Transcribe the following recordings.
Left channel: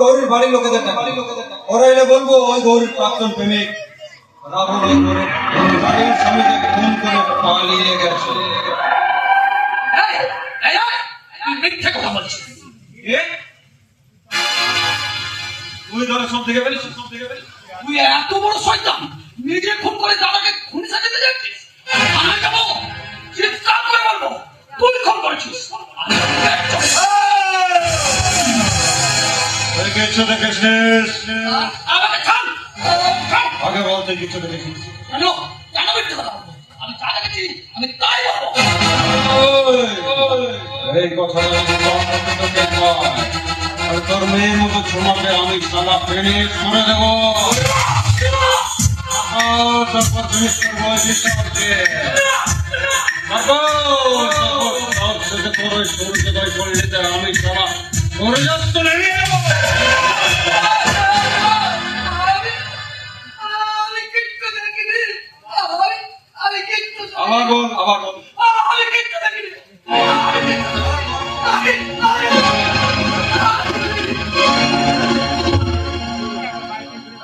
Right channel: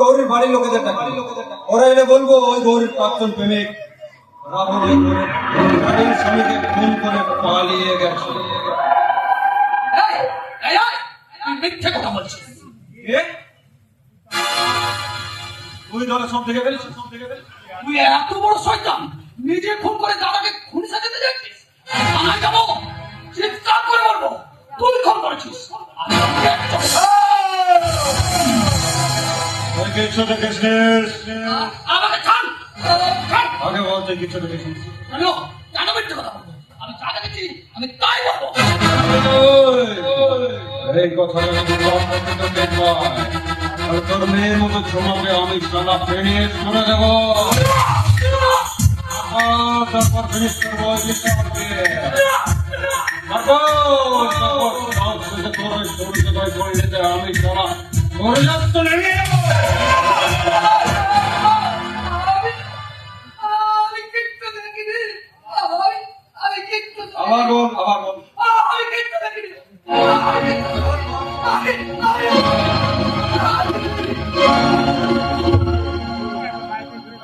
গৌরীর বাড়ির লোকেদের ওরা এলে বলবো ওই গৌরীর প্রাক্তন প্রেমিক রাহুল বাড়ির স্বামীকে খুন করে পালিয়ে গেছে। মিথ্যে কথা বলছিস তুই ধরে সব থেকে পেরেছিস তুই এত বড় শয়তান, নিজে খুন করে দাদাকে খুনি সাজাতে যাচ্ছিস। আমি যাবো, চিৎকার করে বলবো তুই খুন করেছিস। আমাকে ছাড়, আগে বলতে কিছু দেখেছিস? কেন কেন মিথ্যে কথা বলবো? আমি যা দেখেছি আমি তাই বলবো। এই কথা আর তোর মেয়ের মতো ছোমাকে আমি সালা পেরিয়ে শুনে দেবো। তারপর তুমি আমি সালা মরে যাচ্ছ নেমে যাবো। আমি কিচ্ছু দেখিনি, আমি কিচ্ছু আবার বল আমি কিচ্ছু দেখিনি।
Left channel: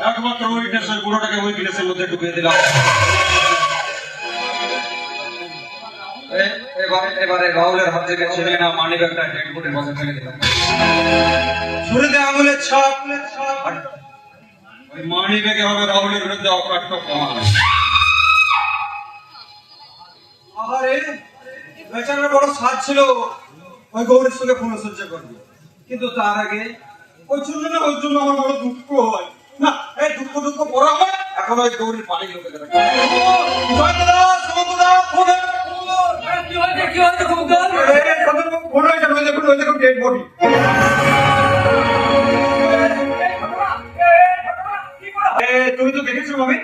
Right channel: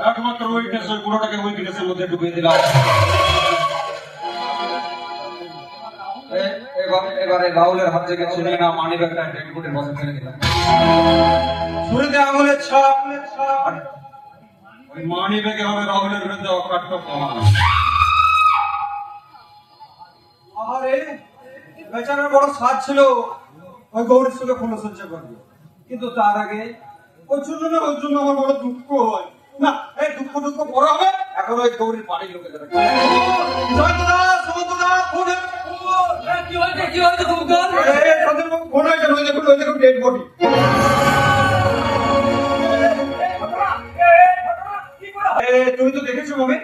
একমাত্র উইকনেসের পুরোটাকে উইকনেসের মধ্যে ঢুকিয়ে দিলাম। এবারে রাহুলের হাত থেকে ছিনিয়ে না মানি ব্যাগটা ডেড বডির পাশে ফেলে দিলাম। ছুরিতে আঙুলের ছাপ আর ওই মানি ব্যাগে হবে রাহুলের বিরুদ্ধে অকাট্য প্রমাণ। আরে বেচারার বড় সাধ ছিল ওই গৌরীর সঙ্গে পুনঃসজ্জা করবে, কিন্তু তার আগে ওই জন্য আমার বড় দুঃখ হয় না। এই দুঃখ পরে হবে, এখন ওই গৌরীর পানি লোকে তুমি তো দেখেছো ভাবে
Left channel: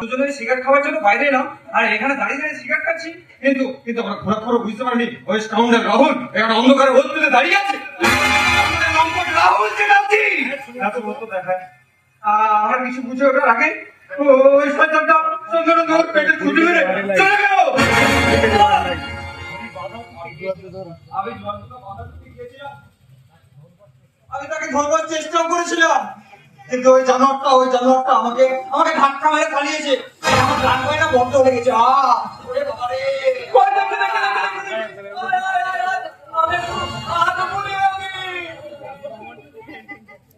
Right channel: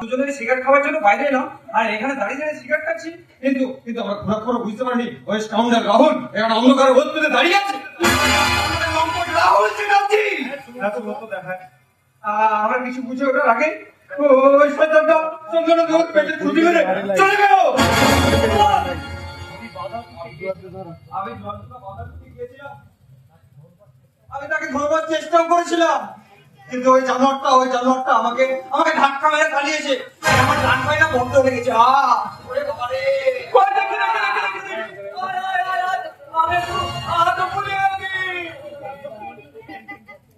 দুজনের সিগারেট খাওয়ার জন্য বাইরে এলাম আর এখানে দাঁড়িয়ে সিগারেট খাচ্ছি, কিন্তু আমরা ঘোরাঘুরো বুঝতে পারিনি ওই স্কাউন্ডার রাহুল এখানে অন্ধকারে ওত পেতে দাঁড়িয়ে আছে। রাহুল চ্যাটার্জি এত মতো দেখায় আমার কিছু বুঝে ওঠার আগে ওই শয়তানটা চন্দনের দোর পেটে খুঁজে মেরে চলে গেল। আমি তাকে ধরবার চেষ্টাও করেছিলাম, কিন্তু ওই জানোয়ারটা আমাকে ধাক্কা মেরে পালিয়েছে। আমার গান পায়না বন্ধ হয়ে গেছে।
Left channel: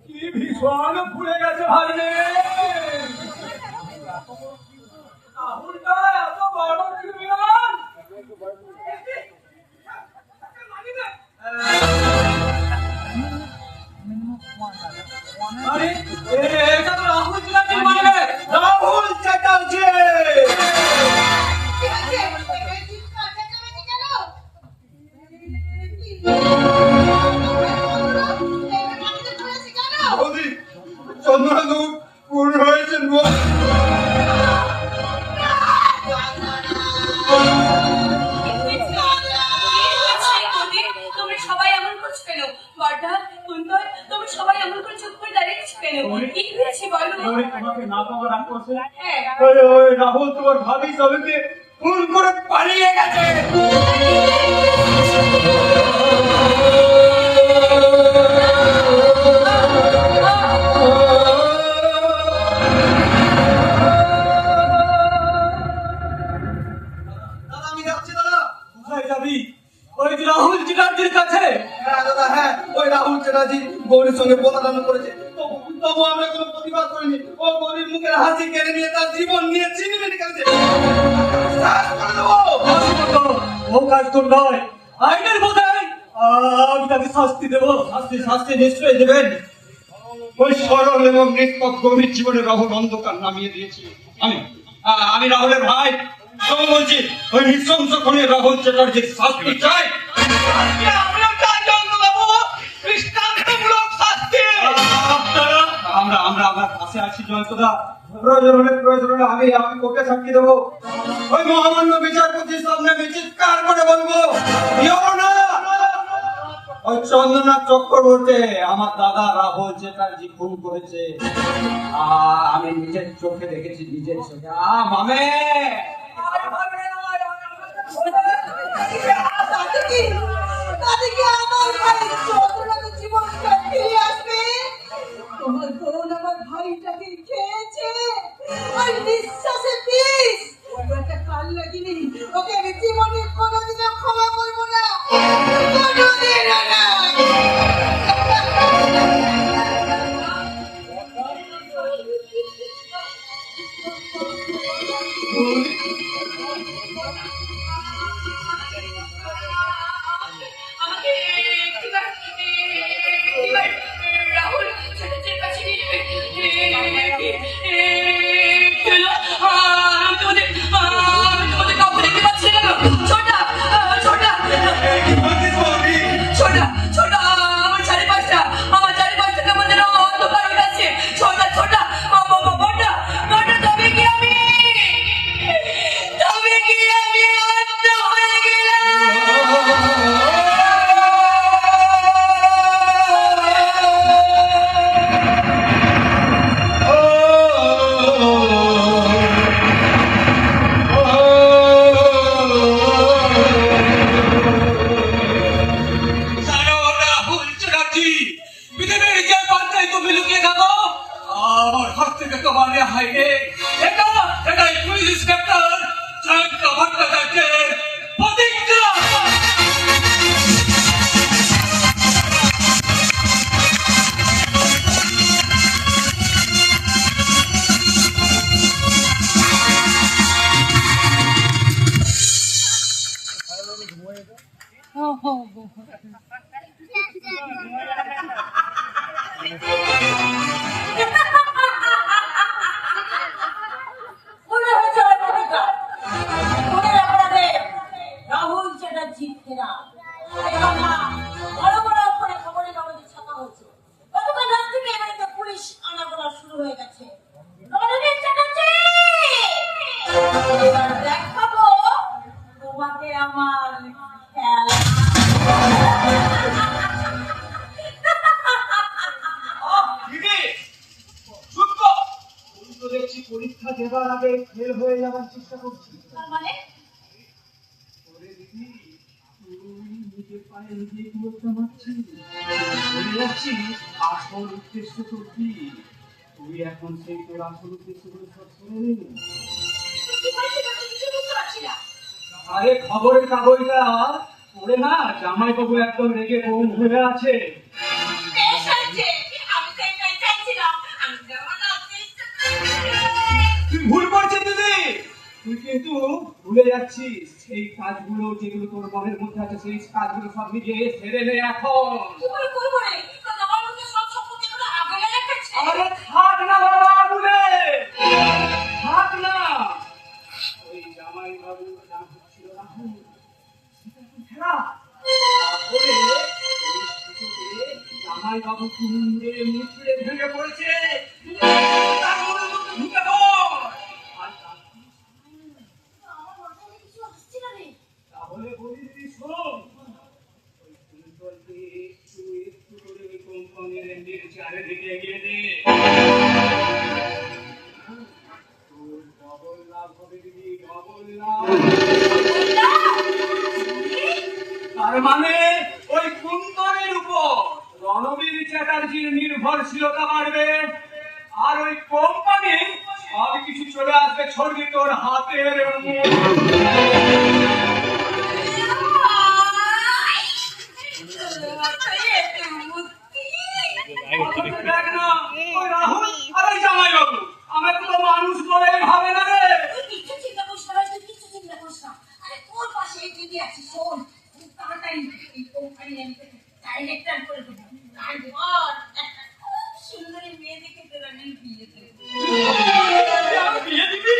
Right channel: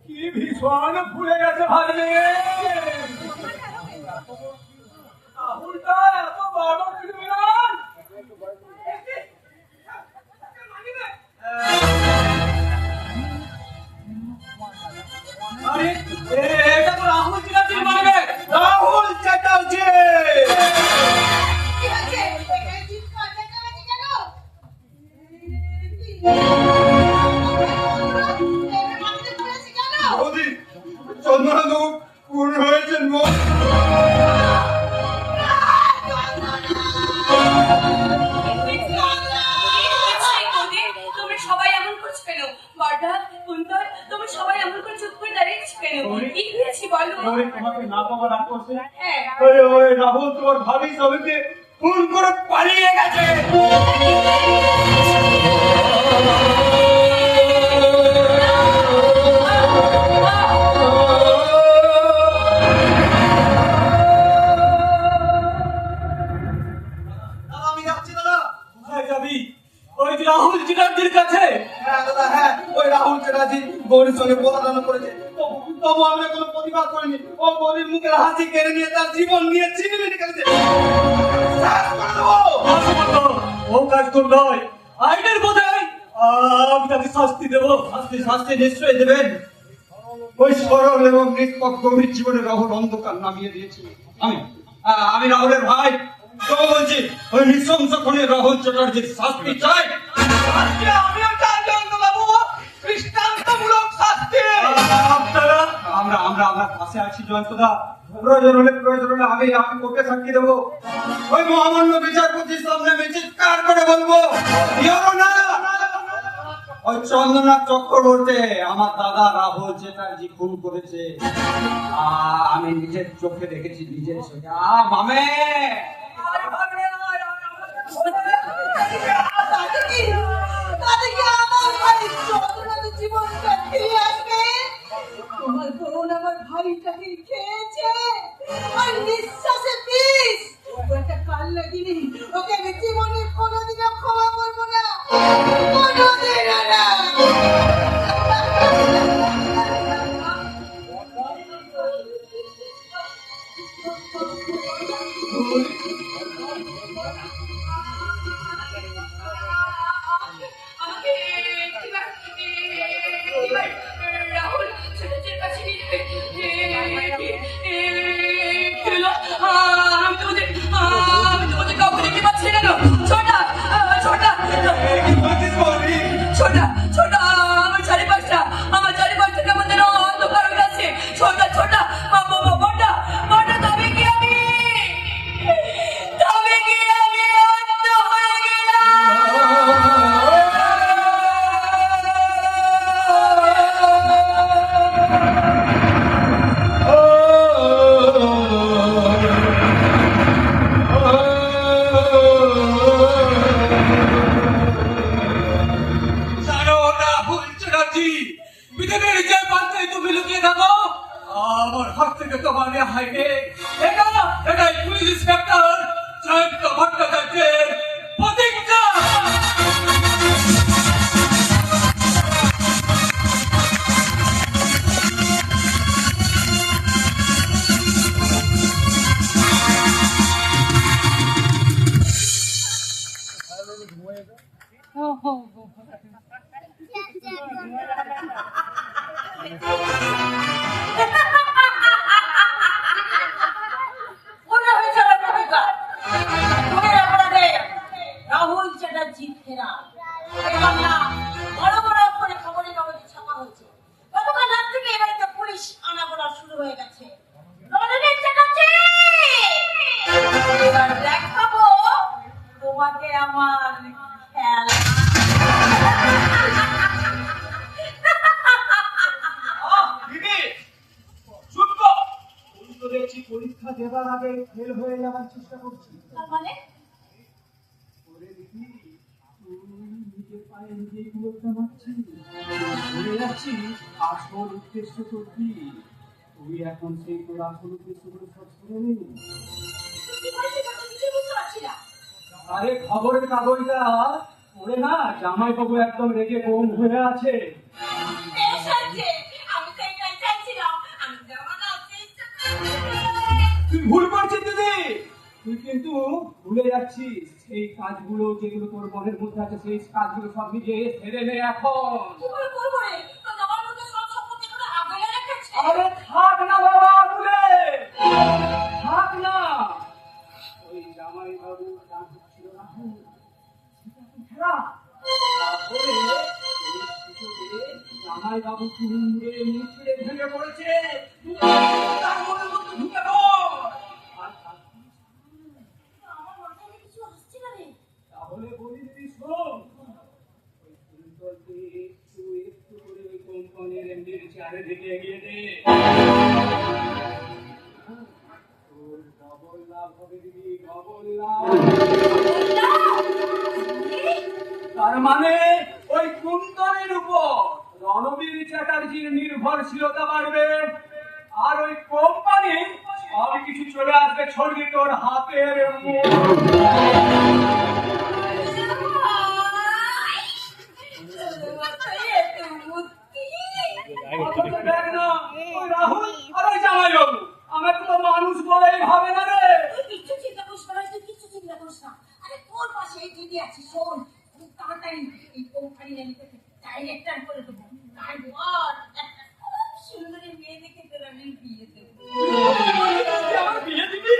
কি ভীষণ ভুলে গেছে ভাই রে। রাহুলটা এত বড় ক্রিমিনাল। আরে এটা তো রাহুল চ্যাটার্জি মানে রাহুল চ্যাটার্জি। চন্দ্রবাবু খুন হয়েছেন। রাহুল তোমার ভাবি সবাইকে খুন করে পালিয়ে গেছে। আমি যাচ্ছি দাদা। কোথায় যাবি? ওই রাহুল চ্যাটার্জির কাছে। হ্যাঁ দাদা, হ্যাঁ ওই রাহুল চ্যাটার্জি গৌরীর সঙ্গে প্রতারণা করেছে, তবু আমরা কোনো প্রতিবাদ করিনি। ও গৌরীর মুখের হাসি কেড়ে নিয়ে তার জীবন নিয়ে ছিনিমিনি খেলছে। ও কাজ তোর নয়, আইনের বোঝাই আমি তাকে শাস্তি দেবো। শাস্তি নিশ্চয়ই দেবেন। ওই সরল এবং নিষ্পক্ষ গভীর জীবনে রাহুল অন্ধকার নামিয়ে দিয়েছি। আমি রাহুলের ভাই, তবু বলছি ওই নৃশংস খুনে রাহুল চ্যাটার্জির শাস্তি চাই। আমরা কাছে আছি জয়ন্তদা। প্রয়োজন হলে আমি কোর্টে সাক্ষী দেবো। ওই মহামান্য বিচারপতির সামনে চিৎকার করে বলবো ওই চন্দ্রনাথ চক্রবর্তী আমার দাদা রাহুল চ্যাটার্জি খুন করেছে। আমি নিজের চোখে দেখেছি, নিজের চোখে। মামে দাদিকে আমার জামাইটাকে খেয়েছে আর নিঃশ্বাসে পিস। ও একটা কাল লাগিনি, ওকে আমি জীবনে কোনোদিনও ক্ষমা করবো না, কোনোদিনও না। আমাকে একটিবার রাহুল ছেলেদের কাছে নিয়ে যাবে। চলো, আমি তোমাদের কাউকে দেখতে পাচ্ছি না। ছোটা ছোটা কি বলছিস বৌদি? ছোটা ছোটা, আমার চারিপাশটা কেমন যেন অন্ধকার হয়ে যাচ্ছে। ছোটা ছোটা বড়টা বড়টা, তবে কি আমি অন্ধ হয়ে গেলাম? জানো রাহুল চ্যাটার্জি, পৃথিবীর যে প্রান্তেই তুমি লুকিয়ে থাকো, আমার হাত থেকে তোমার রেহাই নেই। এটাই পুলিশ ইন্সপেক্টর জয়ন্ত ভট্টাচার্যের প্রতিজ্ঞা। মনে হয়েছে আমার প্রতিজ্ঞা। মনের অপরাধে রাহুল চ্যাটার্জি ফেরা। এই বাংলা বড় বড় অক্ষরে খবরের কাগজে ছাপা হয়েছে। গতকাল রাত থেকে এখানে তো পুলিশ আনাগোনা শুরু হয়ে গেছে। রণবীর চ্যাটার্জি, এবার দেখাবো তোমাকে আমার খেলা। দিদি, চুপ কর। তুই তো দেখছি পরীক্ষা দেবার আগে ফেল হয়ে যাবার চেষ্টা করছিস। তার মানে ওরে দিদি, তুই নিজের পায়ে নিজে কুয়োটা মারছিস। ভুলে যাচ্ছিস আসল উদ্দেশ্য তোর কি। তুই এখন সেই তোর আসল উদ্দেশ্যগুলো সব শুনে নিবি। কি বলছিস আমি কিছু বুঝতে পারছি না। আরে খবরের কাগজটা পড়ে না, জামাইবাবু একদম রেগে বোম হয়ে আছে। বেশ হয়েছে, আমি তো এটাই চাইছিলাম। আমি যেমন আছি তুই ভুল করছিস দিদি। তুই কিন্তু ভুলে যাচ্ছিস সেই কাজগুলো যেগুলো তোর মনের মধ্যে আছে, সেই কাজগুলো সব নিজে সেরে নে এখন। কি করে করবো রে? তো আমার মধ্যে সব সম্পত্তি করে আগলে রেখেছে। আরে থাক না বাবা, বলে থাক না। ওই জামাইবাবু নাম ছিল রাহুল, সেটা এখন ফেরা। তারপরে এই সুযোগে জামাইবাবু কুমড়ে মুচড়ে ভেঙে পড়েছে। তার মনে তো ঢুকে পড়। আর আমার মাথায় কিছু আসছে না রে। তাহলে বলি দিদি শোন, ওই কুন্তলকে একটু একটু করে ওই কোম্পানির এমডির চারিদিকে এগিয়ে দে। তোর ডবল লাভ হবে দিদি, ডবল লাভ। তার মানে ওই কুন্তলের উপর রণবীর চ্যাটার্জির নির্ভরশীলতা বাড়বে, আর ওই কোম্পানি সব কিছু চলে আসবে ছড়িয়ে তোর হাতের দেখ না, ওই রাহুল আর ওই জামাইবাবু আমাকে তো মানুষ বলেই ভাবে না রে। কিচ্ছু চিন্তা করিস না ভাই, তুই কিচ্ছু চিন্তা করিস না। আরে তোর পাশে এই দিদি আছে, শোন খুব তাড়াতাড়ি এই কোম্পানি আমি তোকে ডাইরেক্টর করে দেবো। তারপর একটা খুব সুন্দরী মেয়ে দেখে তোর আমি বিয়ে দেবো। বিয়ে দিবি?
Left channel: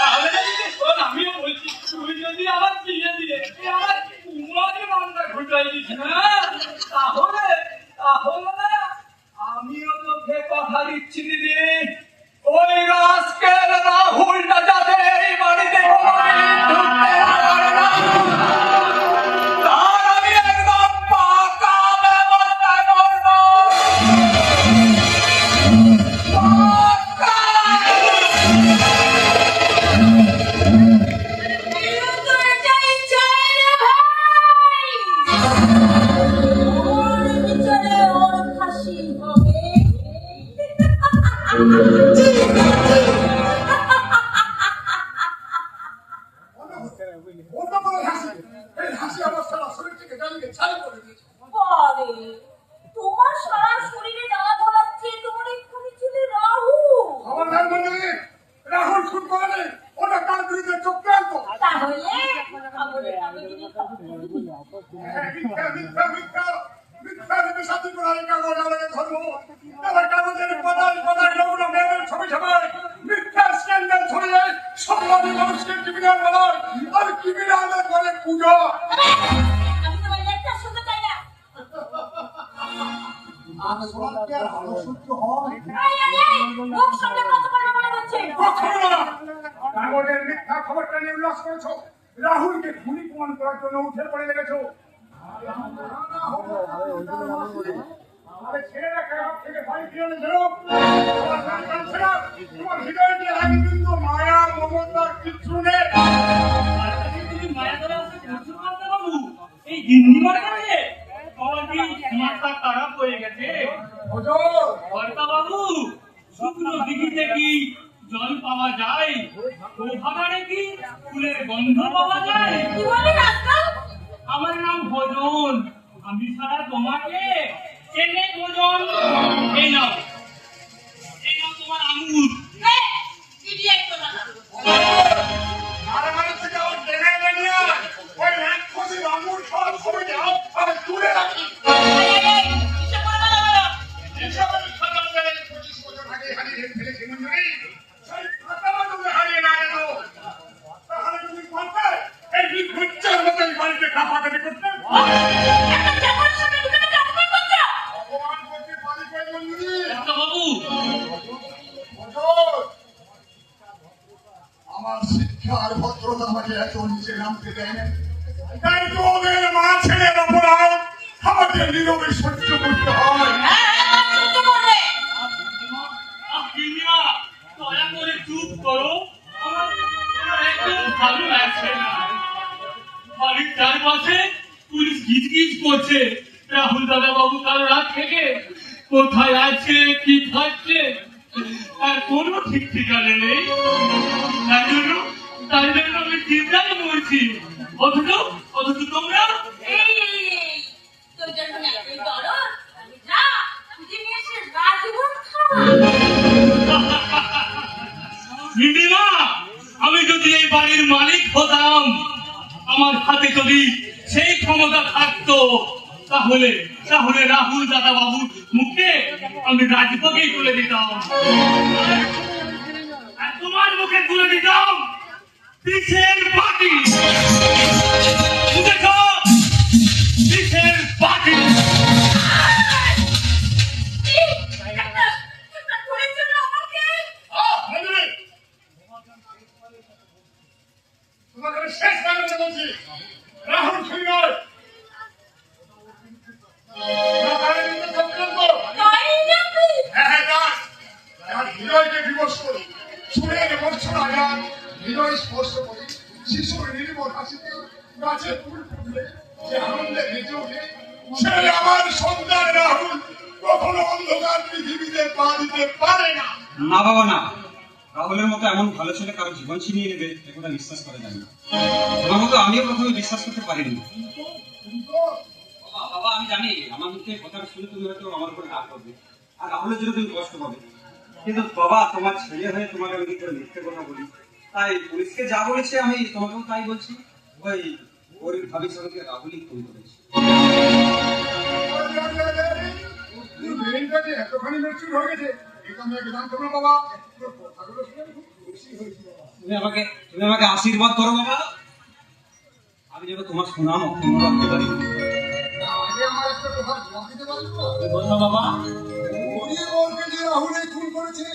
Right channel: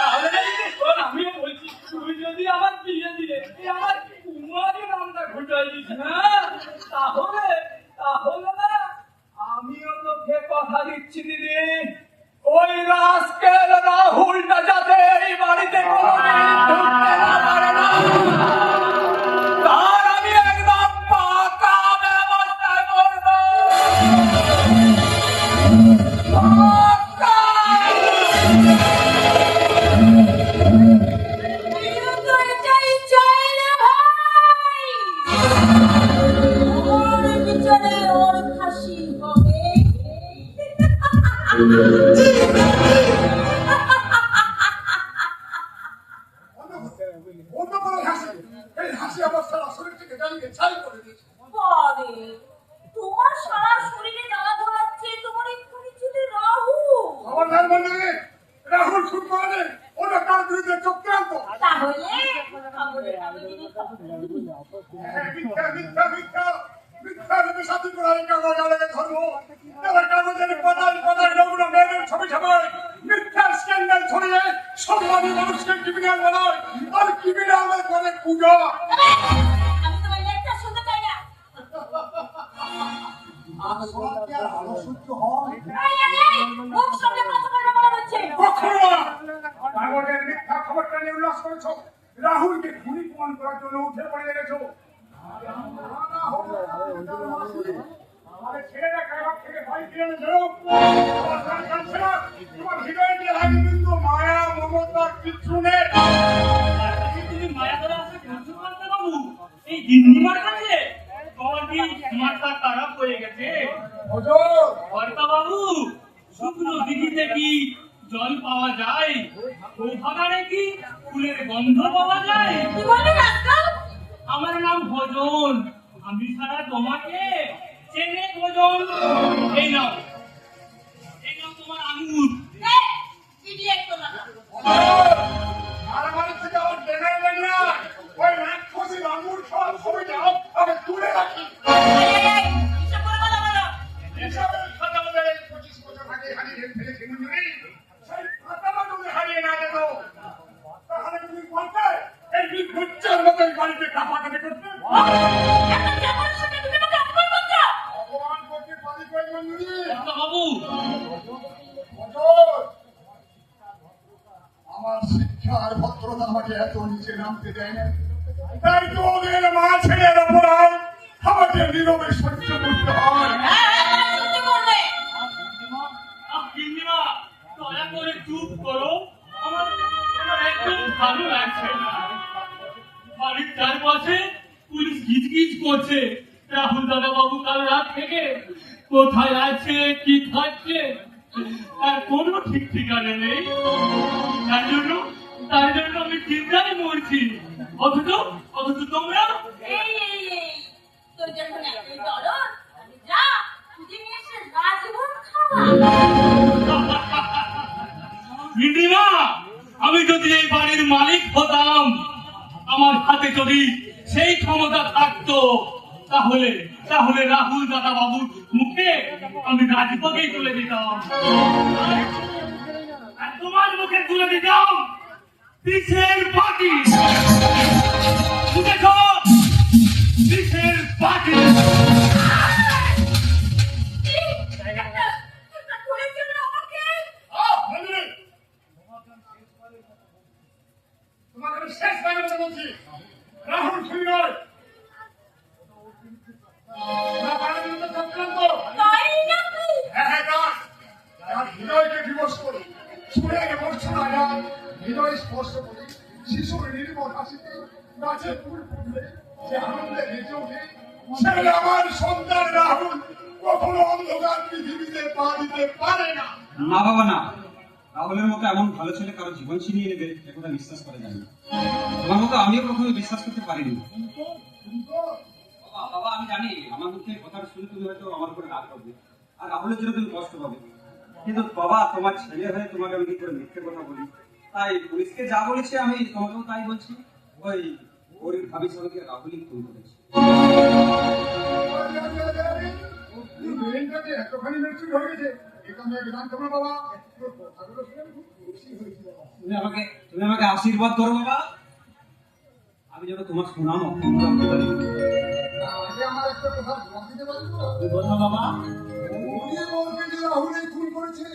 তাহলে শোন, আমিও বলছি, তুই যদি আমার বিয়ে দিয়ে তুই আমার কুমারী নামটা ঘুটাই দিস না, তাহলে তাহলে না আমিও তোকে কথা দিচ্ছি দিদি, ওই রাস্কেল রাহুলটা যাতে এই বাড়িতে কোনোদিন ঢুকতে না পারে না, তার আমি একদম পাকা ব্যবস্থা করবো। পাকা। এরকম তো এটাই চাই রে ভাই। অন্য কোনো হাসি, এই হাসি আমার সারা শরীর থেকে জ্বালিয়ে ছাই করে দিয়েছে। বারে, তোমার সারা শরীরে জ্বালা ধরাচ্ছে তোমার এই পরিচিত রাহু। খবরদার মন্দিরে, রাহুল খুন করেনি, ওটা তার বিরুদ্ধে চক্রান্ত। তাহলে আমি যদি মিথ্যা মিথ্যা মিথ্যা মিথ্যা মিথ্যা সাথে করে কাগজ আলাদা ধর্ম, তাহলে কাগজের পদায় পদায় নগ্ন মেয়েদের ছবি ছাপায়, মিথ্যার স্ক্যান্ডাল ছড়িয়ে সম্মানী মানুষকে ক্রিমিনাল বানায়, আর ক্রিমিনাল করে পূজা। আমি তোমার লেকচার শুনতে চাই না। মুখ সামনে কথা বলা মনে হচ্ছে। কখনো না। কাগজের মিথ্যা খবরটা নিয়ে উল্লাস করেছো, রাহুলকে খুনি প্রমাণ করার জন্য উঠে পড়ে লেগেছো। আরে ছেলেরা কাগজ থেকে বাড়ি ফিরে এনেছো, তোমার গান কাঁদছে না, তোমার হৃদয়ে যে আগে কিন্তু মায়া মমতার কিছু নেই। তুমি মায়া করা আছে বুঝতে পারতে বাবু এই গিন্নিমার কাছে তোমার কি মাথা খারাপ হয়ে গেছে হুজুর, কর্তা বাবু শুকনো দিঘিতে কি জল পাওয়া যায় ও ভাগাড়ে কি ফুলের গন্ধ পাওয়া যায় কি বললি আজকাল? আমার নাম ভজন আমি সারা তোমাকে চেনে ভজন এই নাও তোমার আঙুর এই, idiot কোথাকার। মারামারি থেকে আমার টেনে এনে নিয়ে আয়। ওই রাক্ষসীর আঙুর খাওয়ার ছবি দাও, আমি তুলে রাখি। এই, কিসব বলা বলো? এসবের খাতা মেরে 25 বছর আগে হারিয়ে ফেলেছি মঞ্জুরি। সেই খাতাটা তুমি হারিয়ে না যেত, তাহলে তুমি বলতে এই বিভুচ্ছের মতো এই বাড়িতে কাপাকাপি করতে। একটা চাকর সামনে তুমি আমাকে অপমান করছো? অপমান করতে পারি কই মঞ্জুরি? কর্তা বাবু হুজুর, আমার শিক্ষা আর ভদ্রতা আমাকে এত নিচে নামতে দেয় না, তাই তো ওদের মা ছেলের অপরাধ আমাদের নীরবে সহ্য করতে হয়। হ্যাঁ, সহ্য করবে। গিন্নিমা দয়া করে চুপ করো আমার একদম ভালো লাগছে না বাড়ির চারপাশে পুলিশ গিজগিজ করছে রাহুল দাদা বাবু কাল রাত থেকে কোথায় আছে কি খাচ্ছে আর কোনো ঠিক ঠিকানা নেই তাই জন্য আমি চিন্তায় মরছি অথচ তোমরা এই, তোর যখন এতই দরদ, তাহলে যা, খুঁজে নিয়ে এসে রাজভোগ খাওয়া। গিন্নিমা আমি যদি এই বাড়ির মালিক হতাম আমার হাতে যদি সেই ক্ষমতা থাকতো তাহলে রাহুল দাদা বাবুর মুখে আমি রাজভোগেই তুলে দিতাম আর তোমার মুখে তুলে দিতাম পিছের পাটি দেখো পিছের পাটি একটা খুনের জন্য আমাকে মঞ্জুরি, তোমাকে আমি শেষ বারের মতো বলছি, রাহুল খুনি নয়। না তার বিরুদ্ধে চক্রান্ত। তাই নাকি? হ্যাঁ, তার। তার হৃদয়কে বিমর্ষ করে, সুরের মূর্ছনা গান, হৃদয় স্পর্শ করে, শিশুর নির্মল হাসিতে গাছে ফুল ফুটলে যে আনন্দে বেঁচে ওঠে, সে আমার সন্তান রাহুল কখনো অন্ধকার পৃথিবীতে পা দিতে পারে না। না বাবা না, রাহুলের মতো এমন ভালো ছেলে কারো জীবন ছিনিয়ে নেবে এটা বিশ্বাস করা যায় না। তোমার মতো আমিও প্রথমে বিশ্বাস করতে পারিনি। বাবা আমি জানি আমার মুখে কথা শুনে তুমি হয়তো আমার উপরে রাগ করবে আর রাহুলের জন্য তুমি কষ্ট পাবে, কিন্তু বাবা তোমার ছেলে হয়ে তোমাকে আমি কি করে মিথ্যে কথা বলি, তাই পুলিশকে যা বলেছে আমি তোমাকেও তাই বলছি। ওই ওর ভাবির সঙ্গে রাহুলই খুন করেছে। ব্রেনটাকে এতখানি মেচুর হয়ে গেছে, এটা আমি আগে জানতাম না বাবা। তোর কথাগুলো শুনে আমি খুব খুশি হয়েছি বাবা। তুমি আমাকে আশীর্বাদ করো বাবা, আমি যেন তোমার সুনাম অক্ষুণ্ণ রাখতে পারি। আগে আমার একটা কথা জবাব দিতে পারবো? বলছো বাবা, ওরে বলকে যে রাহুল এই খুন করেছে,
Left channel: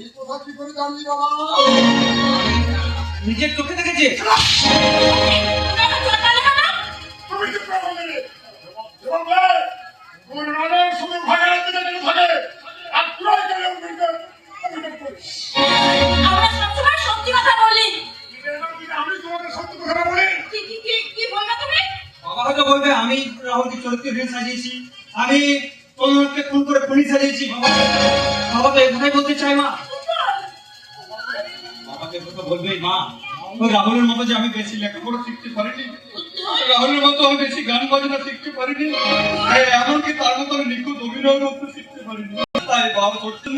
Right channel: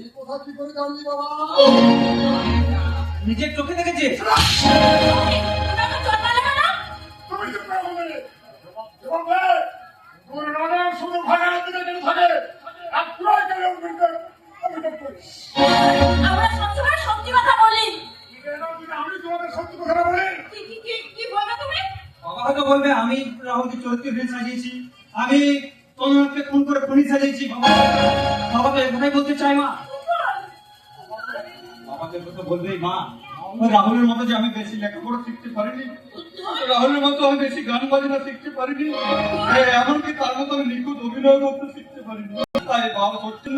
এই কথা কি করে জানলি বাবা? নিজের চোখে দেখেছে। কেন চটালে না? তুমি তো কেমন নেবে? এবং ভাই, তোর নামের শুধু ভাগাড়ের দিকে যেন থাকে, আর তুই কেন অভিযোগ করিস? আমরা সবসময় সত্যি কথা বলি। আমি তোমাদের সত্যি কথা বলি। কি বলবে তুমি? বাবা হয়তো বলবে আমি রাহুলকে চরিত্রহীন সাজিয়েছি, আমি তনুকে খুন করে খুনি সাজিয়েছি। বাবা তো এই কথাই বলতে চাই না, বাবাকে কথা বলবেই মা। ওই রাহুলের মতো যে আমি বেশি লেখাপড়া শিখতে পারিনি, রাহুলের মতো আমি বেশি গান বাজনা শিখতে পারিনি, এমনকি তার মতো আমি নিখুঁত অভিনয় করতে শিখতে পারিনি। তাই বাবা করছিল,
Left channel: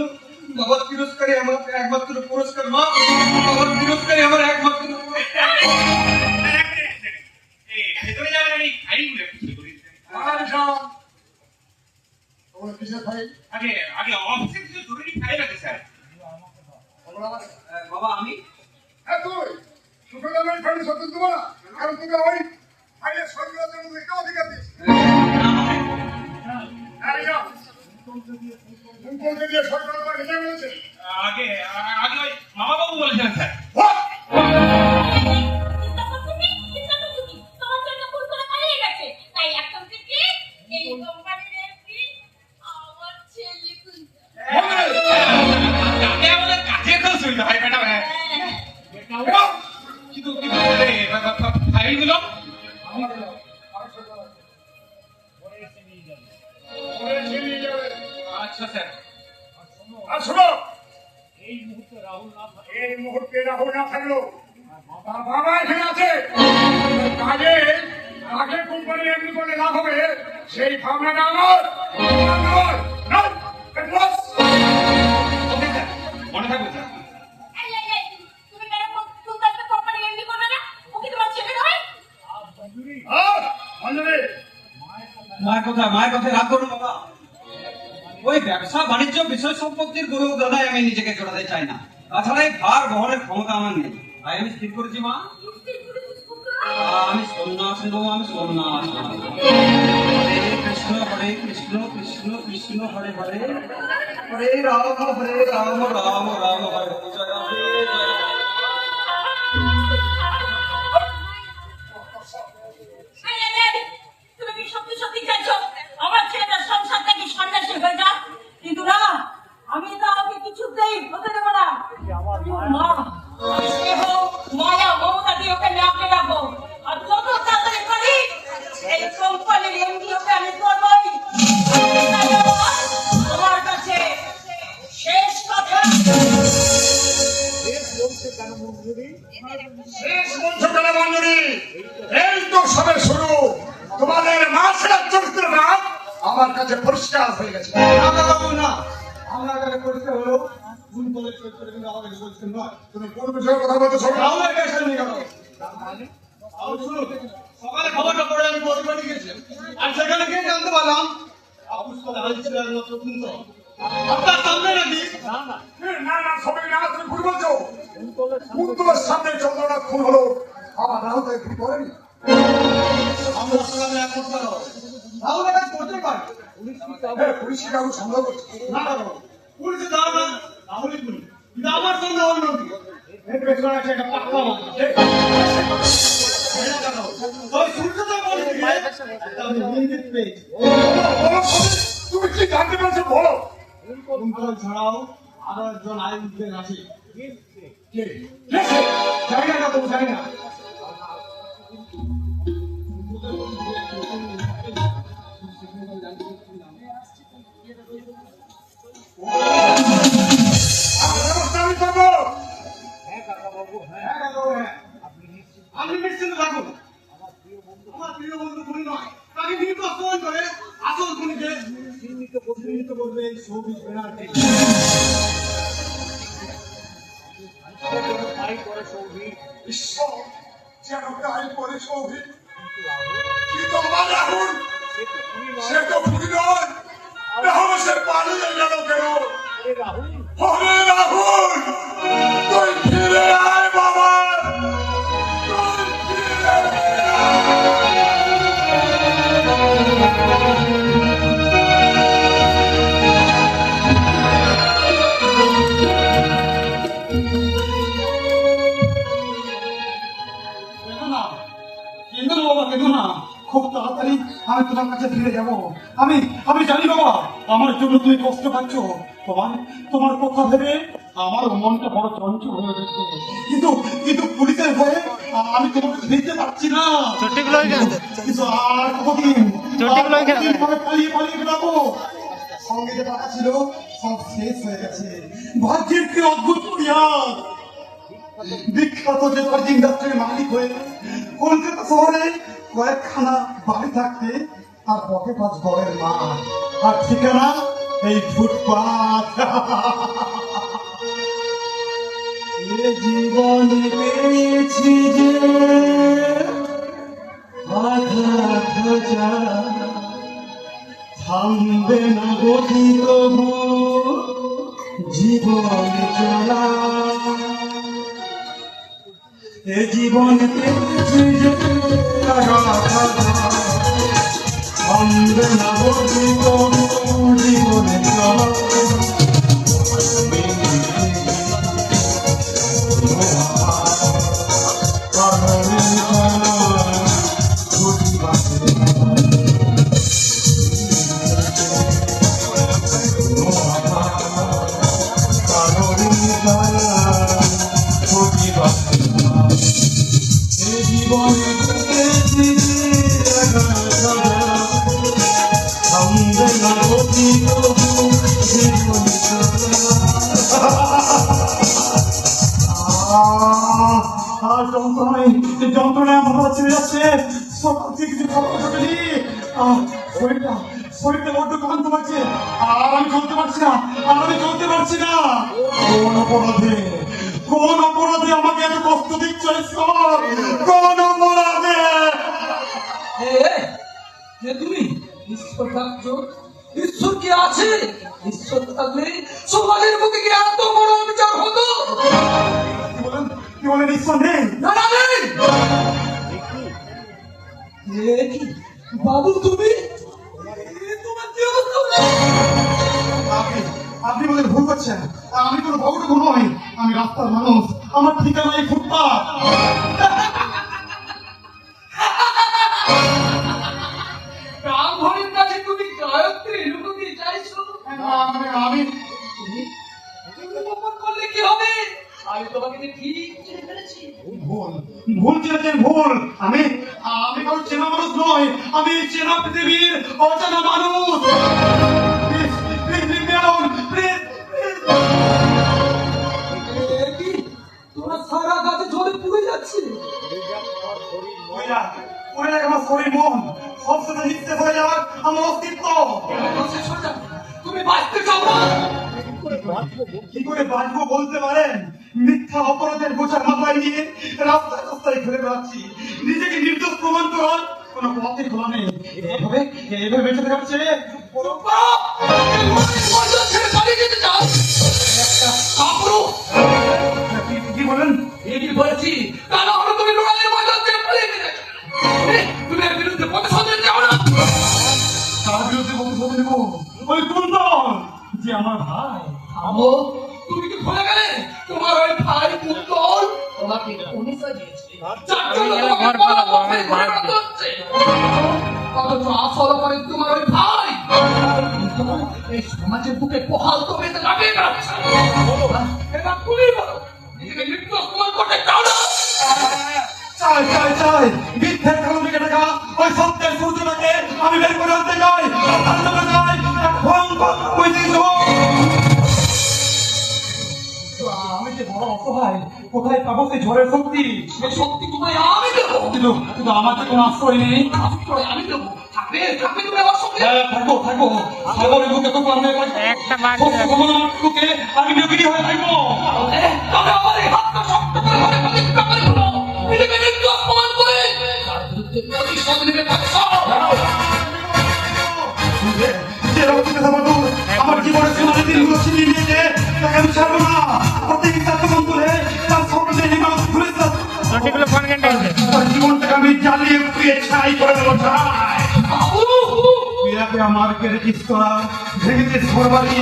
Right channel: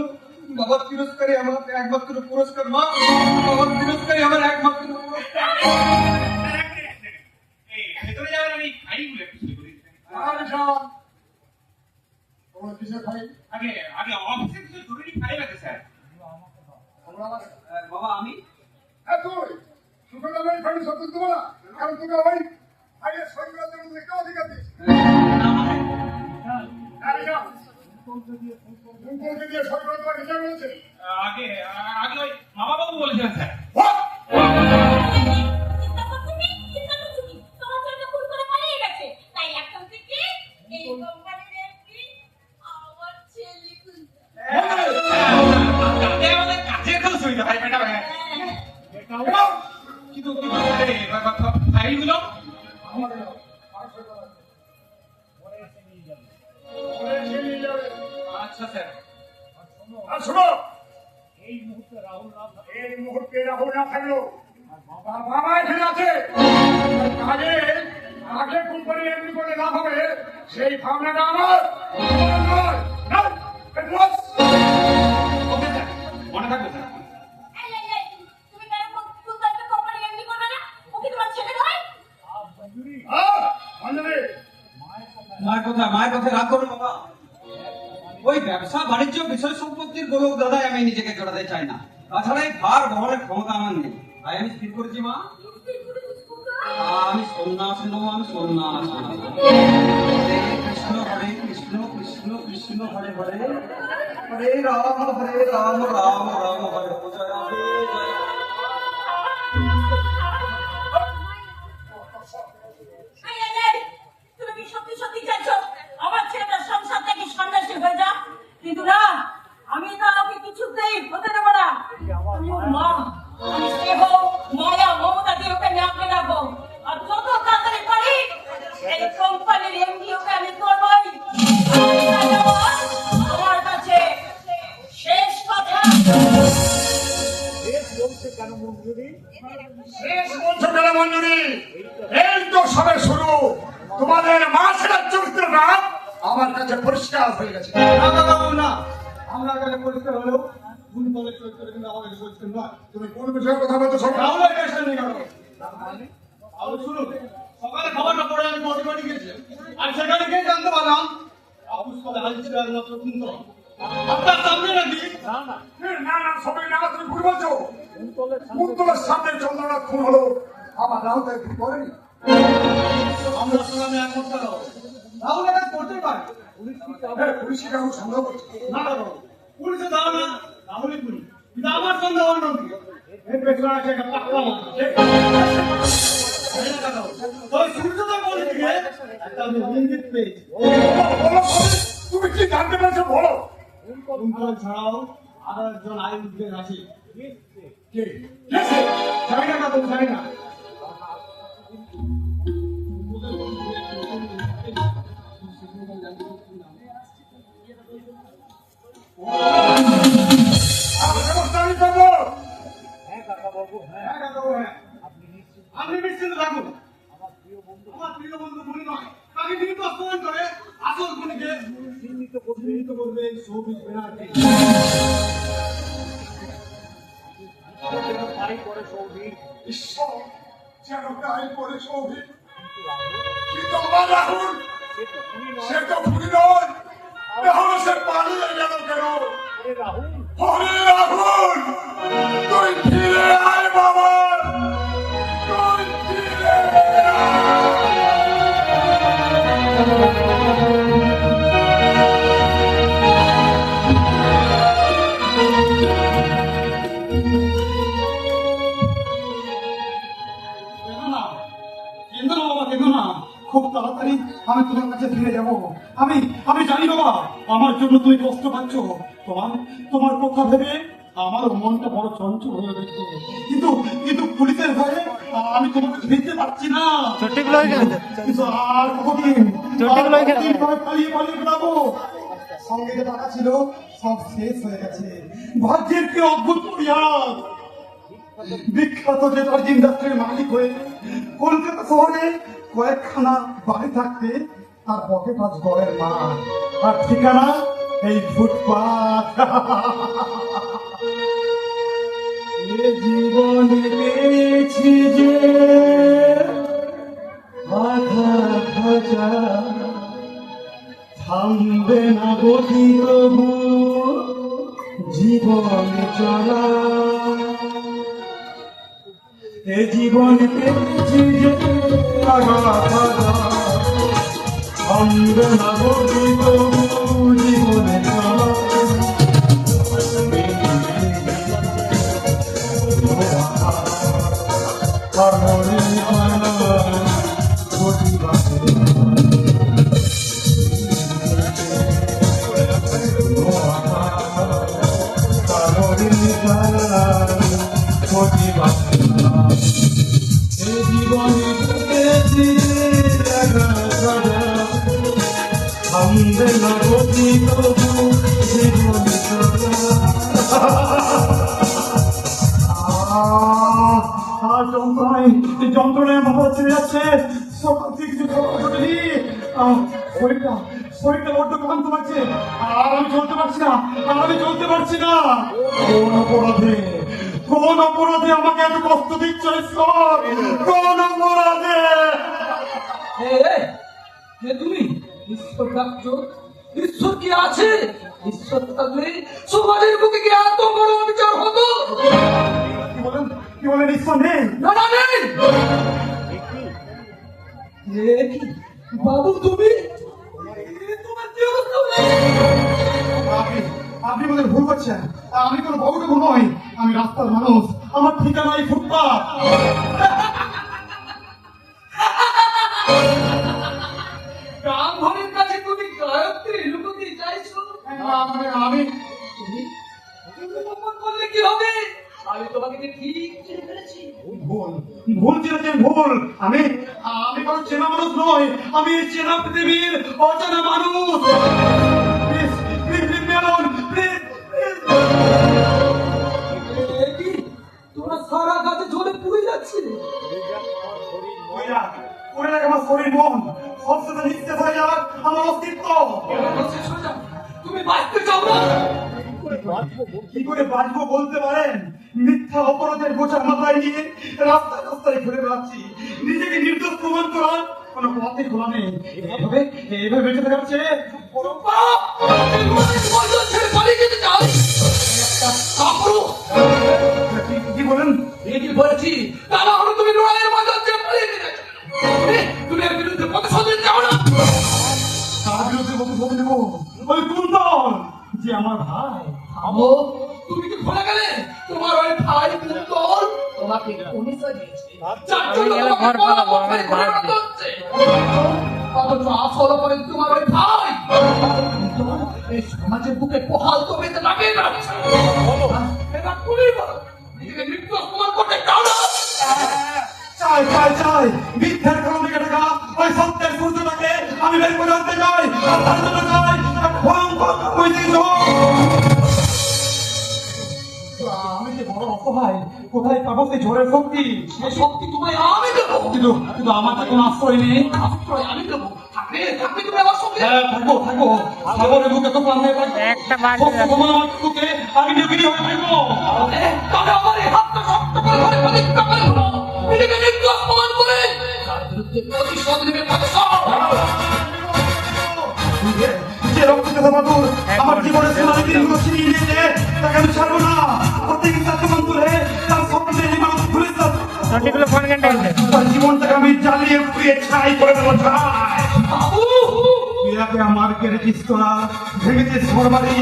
বাবার তিরস্কারই আমার একমাত্র পুরস্কার। মা, বাবার তিরস্কারই আমার একমাত্র পুরস্কার। ভেতরে যাবেন, আমি ফাইলগুলো একটু ঠিক করি। আর যাও। তোমার কিসের ভাই? আগে আগে অফিসে কিছু জরুরি ফাইল আছে স্যার। বাবা আমি হ্যাঁ তুই সুখের আমার ফাইলে সত্যি দেবো না, কারণ তুমি আমার ফাইলে সই করার জন্য একটা অধিকার দিয়েছি। হ্যাঁ যাও। দিয়ে সই করার পর নিজে বলেছে আগে আগে ওই মামা বাবু বলেছেন স্যার। What? আগে আমাদের কাছে তো সুবিধা হয় ম্যাডাম। কিন্তু ফাইলগুলো আচ্ছা স্যার। আর শোনো, এই মুহূর্তে রাহুল না থাকলো তার বাবা এখানে আছে। আগে আগে কোম্পানির এমনি করে লাভ হবে সেই ভাবনাটা আমার তোমার নয়। নয়, it was. ওকে স্যার, মনে থাকবে স্যার। অঞ্জলি, মায়ের কথা রাগ করো বাবা। ওই ব্যবসা বাণিজ্য বিষয় সম্পত্তির গরু দাদায় আমি নিজেকে জড়াতে চাই না। তাছাড়া এই ভার বহনের ক্ষমতা আমার নেই। তাই আমি স্থির করেছি মা, আমি সন্ন্যাস নেবো, আমি সন্ন্যাস নেবো। হরে কৃষ্ণ কৃষ্ণ কৃষ্ণ হরে হরে, হরে রাম রাম রাম হরে হরে, জয় রাধে জয় রাধে। কিন্তু না, আমি তো আমাকে কিছুতেই হতে দেবো না। মা, আমি স্নেহ মায়া মমতা দিয়ে ওকে নামতে রাখবো, আর যত তাড়াতাড়ি পারি এই কোম্পানির এমডি ওকে আমি করবোই। আমার কাছে শেষ কথা। শেষ বলছো কেন মঞ্জুরি? এই তো সবে শুরু। তোমাদের মাসের চরিত্রটা আমার কাছে পরিষ্কার হয়ে গেছে। না, আমার কাছে পরিষ্কার হলো ভুল বলে চরিত্র, কিন্তু আমার কাছে পরিষ্কার নয়। তুমি কোন বিষয়ে কথা বলছো শোনো। রাহুলের কাছে নিয়ে গেল। রাহুল শুনুন, সকালে খাবারটা পরে আমি পথে বাড়ি গেছি, আর সেখানে গিয়ে জানতে পারলাম আপুস বলে হাজির আর মাত্র সুন্দর আপনার সামনে নাকি। না না সবাই না, তুমি ভুল বলছো। কুন্তলের সামনে চন্দ্রনাথ খুন হলো, আমার রাহুল তাই ভুল করেনি। আমরা সামনে এক করতে হবে। রাহুল এটা করতে পারে। পুলিশ কি কারো সন্দেহ করছে? না রাহুল, পুলিশে ধারণা রাহুলই খুনি, কিন্তু আমার সন্দেহ অন্যদিকে। এর পেছনে আছে একটা পাক্কা মাথা। ওই সূর্যদেব বলে দিয়ে একটা আমি ইঙ্গিত পেয়েছি। তুমি কি জানতে পারছো বলো। কুন্তল ছাড়াও আরো একজন আইনজীবী আছে। কে? জানি না কাকু, জানি না। আমি ব্যবস্থা আমি করবো। হ্যাঁ কাকু, হ্যাঁ। আপনি নিশ্চিন্ত থাকুন, আমার প্রিয় বন্ধু খুনি নয়। তাকে কিন্তু অপমান করে আসল খুনিকে চিহ্নিত করবে সৌভিক ব্যানার্জি। ঈশ্বর, যেন গায়ে পড়ে সৌভিক। কিন্তু আমার রাহুল, সে তো খুনি নয়। তাহলে সে পালিয়ে গেল কেন? হরে রাহুল, তুই ফিরে আয় বাবা, তুই ফিরে আয়। কেঁদো না বাবা, কেঁদো না। খুব তাড়াতাড়ি আমি তোমার কাছে ফিরে যাবো। আমি জানি বাবা, আমার জন্য তুমি কষ্ট পাচ্ছ। তোমার কথা ভেবে আমার মনটা বড় চঞ্চল হয়ে গেছে। কিন্তু পুলিশের ভয়ে আমি তোমাকে ফিরতে পারছি না। কিন্তু আর কতদিন পালিয়ে বেড়াবো। সঙ্গে যে টাকা ছিল সব শেষ হয়ে গেছে। ভাগ্যের কি অদ্ভুত পরিহাস। বিখ্যাত জেতার ইন্ডাস্ট্রির মালিক হয়ে কলকাতা শহরে কয়েকখানা বাড়ি থাকতে তার পকেট আজ গড়ের না, আর ঠিকানা এই ফুটপাথ। এ জীবনে পেয়েছি যে আঘাত হাজার, থামবে না গতি তবু জীবনে চলা। এ জীবনে পেয়েছি যে আঘাত হাজার, থামবে না গতি তবু জীবনে চলা। যন্ত্রণায় মাথা ছেড়ে যাচ্ছে, সকাল থেকে কিছু খাবার জোটেনি। শরীরটা বড্ড ক্লান্ত লাগছে, আর আমি চলতে পারছি না, কোন অপরাধে আমাকে এত কষ্ট দিচ্ছ ঈশ্বর? কোন অপরাধে? তুমি ঈশ্বর ডাকছো? ঈশ্বর কি আছে? ঈশ্বর থাকলে সমাজের বুকে কি এত বড় অবিচার হতো? কি বলেন ঈশ্বর নেই? না না নেই। বাবু তুমি তোমার কি অবস্থা হলো? আপনি বলেন ভুল করছেন, আমি কোনো বউটুকু নই, আমি রাস্তার মানুষ, আমার ঠিকানা এই ফুটপাথ। ব্রাহ্মণের কাছে তুমি গায়ত্রী লুকোতে চাইছো? আমি তুমি গোপন করলে কি হবে? আমি তোমাকে ঠিক চিনে ফেলেছি। ভুল চিনেছেন, ভুল। আমি কারো চেনা মানুষ নই, আমি চেনা পৃথিবীর অচেনা মানুষ। তোরা সারা গাছে ঝরে পুড়ে যাচ্ছে। আমার শরীর মন সব সাথে লিখতে হয়ে যাওয়ার আমার অস্তিত্ব। তুমি বাঁচতে চাও না? কি করে বাঁচবো বলতে পারেন? মিথ্যা অপরাধের বোঝা মাথায় নিয়ে রাস্তায় ঘুরে বেড়াচ্ছি, নিজেকে নির্দোষ প্রমাণ করার কোনো পথে খোলা নেই। এভাবে বেঁচে থাকার চেয়ে কি বলেন? এটি বলেছি, তা না হলে তুমি লড়াইয়ের ময়দান ছেড়ে পালিয়ে গেলে। তুমি এর বিরুদ্ধে প্রতিশোধ নিতে চাও না? তার বিরুদ্ধে প্রতিশোধ নেব? ওই কুন্তল যে আমার ভাই। আমো, তুমি কি ভুলে গেলে তোমার ওই ভাই কুন্তল তোমাকে পরিচয় দিয়েছে? যার জন্য তোমাকে পরাজিত হচ্ছে। অথচ আসল করে তোমার ওই ভাই কিন্তু এই সমাজের বুকে বহাল তবে তো লাগিয়ে বেড়াচ্ছে। এটা তুমি বলো, নিজেকে নির্দোষ প্রমাণ করতে চাও না? চাই মিথ্যার কারণে টাকা ওই সত্যের সূর্যটাকে আমি বের করে আনতে চাই, আর তার জন্য চাই এক ভয়ঙ্কর ঐতিহ্য। আমি যে বড় অসহায়, কোথায় পাবো সেই ঝড়ের শক্তি? সেই শক্তি তোমায় আমি দেবো। কিন্তু আমার তো কোনো আশ্রয় নেই। আশ্রয় আমি দেবো। থাকবে তুমি আমার সঙ্গে। থাকবো সাগরের বুকে তো আমি বুকে আমি নিয়োগী হয়ে থাকবো। তবে আমার এই হাতটা শক্ত করে ধরে প্রতিজ্ঞা করে ফেলো, নিজেকে নির্দোষ প্রমাণ করে তার বিরুদ্ধে প্রতিশোধ নেবে। যে রক্তকে মাদুর আমার জীবনের সীমানে দিনগুলো ছিনিয়ে নিয়েছে, তাকে আমি ছাড়বো না। প্রত্যেক তাকে মন তুলে তার স্বপ্নে মানুষ ঘুরে তার জীবনটাকে আমি জ্বালিয়ে পুড়িয়ে ছাই করে দেবো। তুই আমার রেখিস তোরা ভেঙে দিস ঘর বাড়ি,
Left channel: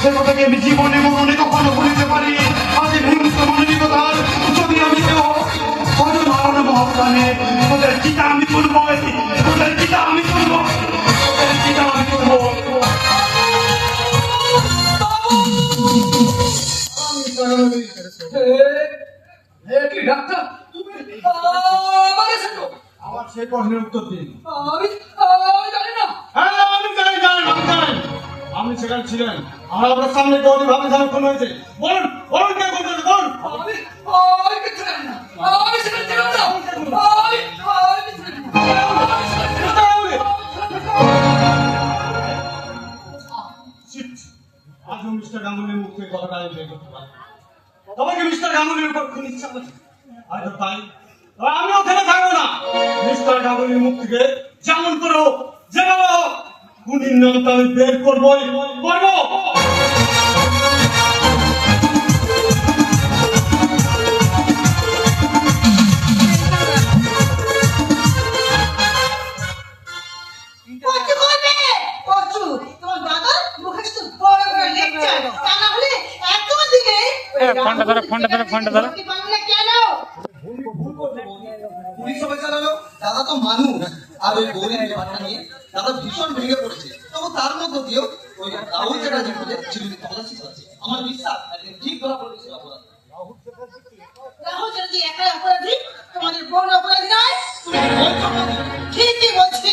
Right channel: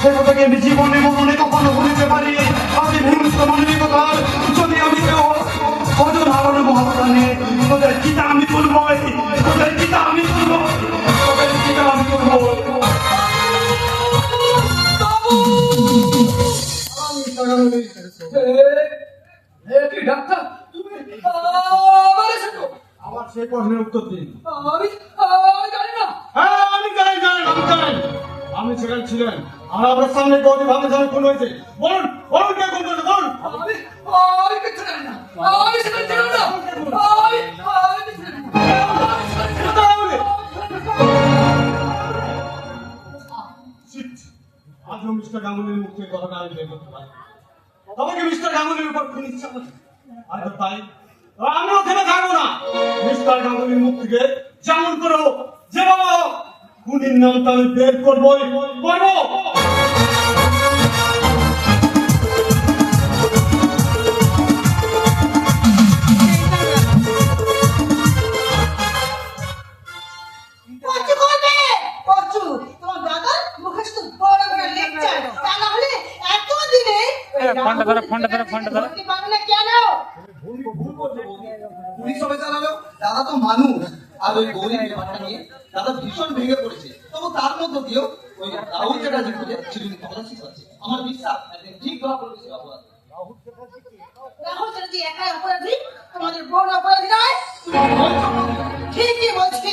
সে কথাকে আমি জীবনে মনে কখনো ভুলতে পারি। আগে ভেঙে মানবিকতার যদি আমি কেউ অজন হারানো মহাপ্রাণে তোদের চিতা আমি তুলবো, তোদের চিতা আমি তুলবো, তোদের চিতা আমি তুলবো। কি ডাক্তার তুমি আবার এসেছো? আবার সেই প্রশ্নের উত্তর দিন। আমি জানি না। হ্যাঁ আমি জানি। আমি সেখানে ছিলেন, আর আপনার সামনে গৌরী ভাবে খুন হয়েছে। বলুন কে খুন করেছে? বলুন। আমি আমি বের করতে পারি। তোমাকে মিস্টার গাঙ্গুলির উপর খুন ইচ্ছা করছে। আর তাই আমি ওখানে থাকবো না। মিস্টার গাঙ্গুলির মুখ থেকে যেমন করে হোক, যেভাবে হোক, খুনির নামটা আমি বের করবোই করবো। কচু করবে কচু তোমার দাদা মুখে শুধু বড় বড় লেকচার তা না হলে এত দিনে ফোনটা ধরো বাংলা কেন পুলিশ সবে জানালো দাদা তো মানুষ আর ওই গৌরীর ব্যাপারটা নিয়ে দাদা ভীষণ ভেঙে পড়েছে। তখন তার মধ্যে দিয়েও ওই রাহুল চ্যাটার্জি বলে চিরুনি পলাশি আছে। আমার বিশ্বাস একদিন ঠিক ধরা পড়বে সে অপরাধ। রাহুল চ্যাটার্জি একা অপরাধী তোমাদের বড় অপরাধী নয় ঠিকই বলছি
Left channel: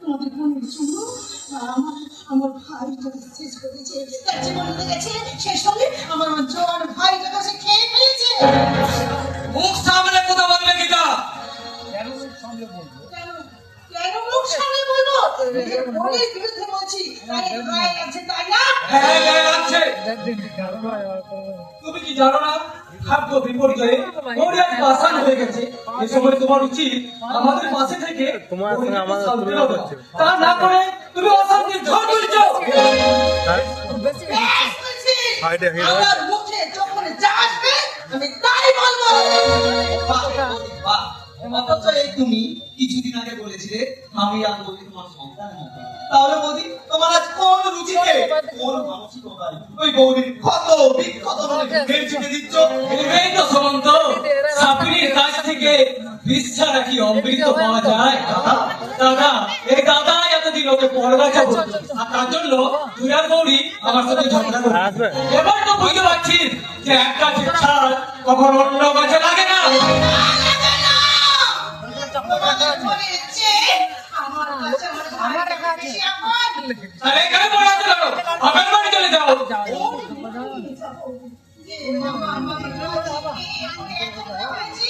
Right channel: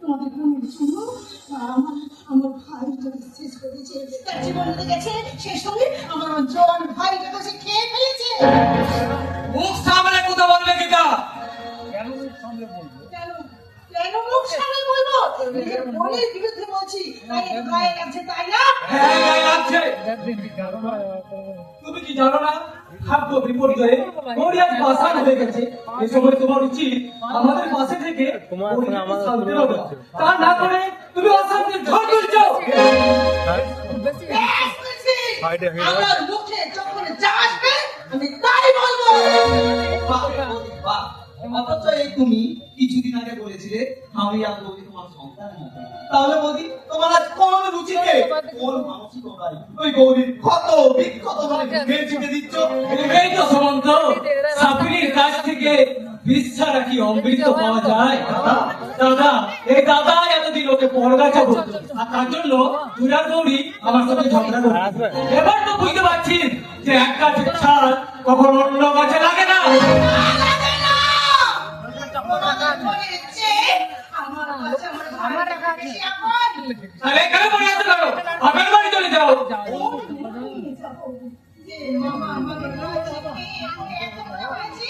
তোমাদের বোন শুনো আমার ভাইটা শেষ করেছে তার জীবন নিতে গেছে শেষ সঙ্গে আমার জোয়ান ভাইটাকে সে খেয়ে ফেলেছে মুখ সামলে কথা বলবে গীতা। কেন কেন মুখ সামনে বলবো বোনের বিরুদ্ধে বলছি তাই গায়ে লাগছে তাই না হ্যাঁ গায়ে লাগছে। তুমি কি জানো না খাদ্য বিপর্যয়ে গৌরী আজ পাষাণ হয়ে গেছে। এই সময় তোমার উচিত আমাদের পাশে থেকে গৌরীকে শান্তি দেওয়া। তা না করে তুমি অশান্তির ঝড় তুলছো। ব্যাস বলছি আমার মুখে যখন যা আসবে আমি তাই বলবো বাহ, অথচ এই তুমি কিছুদিন আগে বলেছিলে আমি আর বলি তোমার সন্তান হবে। তাহলে বৌদি তোমার আজ কোন রুচিতে কোন মানসিকতায় ওই বৌদির ক্ষত বিক্ষত মানে ভেঙে চুকে দিচ্ছ? এই তো সমন্ত সাপির কাছ থেকে বিষ্ঠা রাখি অমৃত পাওয়া যায়। দাদা এই দাদা এতদিন ওকে পর গাছা বলতো আর তার জন্য তুই আর গৌরী আমার সাথে ঝগড়া করতো। এবার তো বুঝতে পারছিস যে এক গাছে ছাড় কখন অন্য গাছে লাগে না। তোমাদের মনে হচ্ছে আমার কাছে আমার ভাইটা বেশি আপন আর এখানে পড়ে আছে কেন? আমার বাড়ি চলে যাও। যে মামা আমাকে রোজ হয়েছি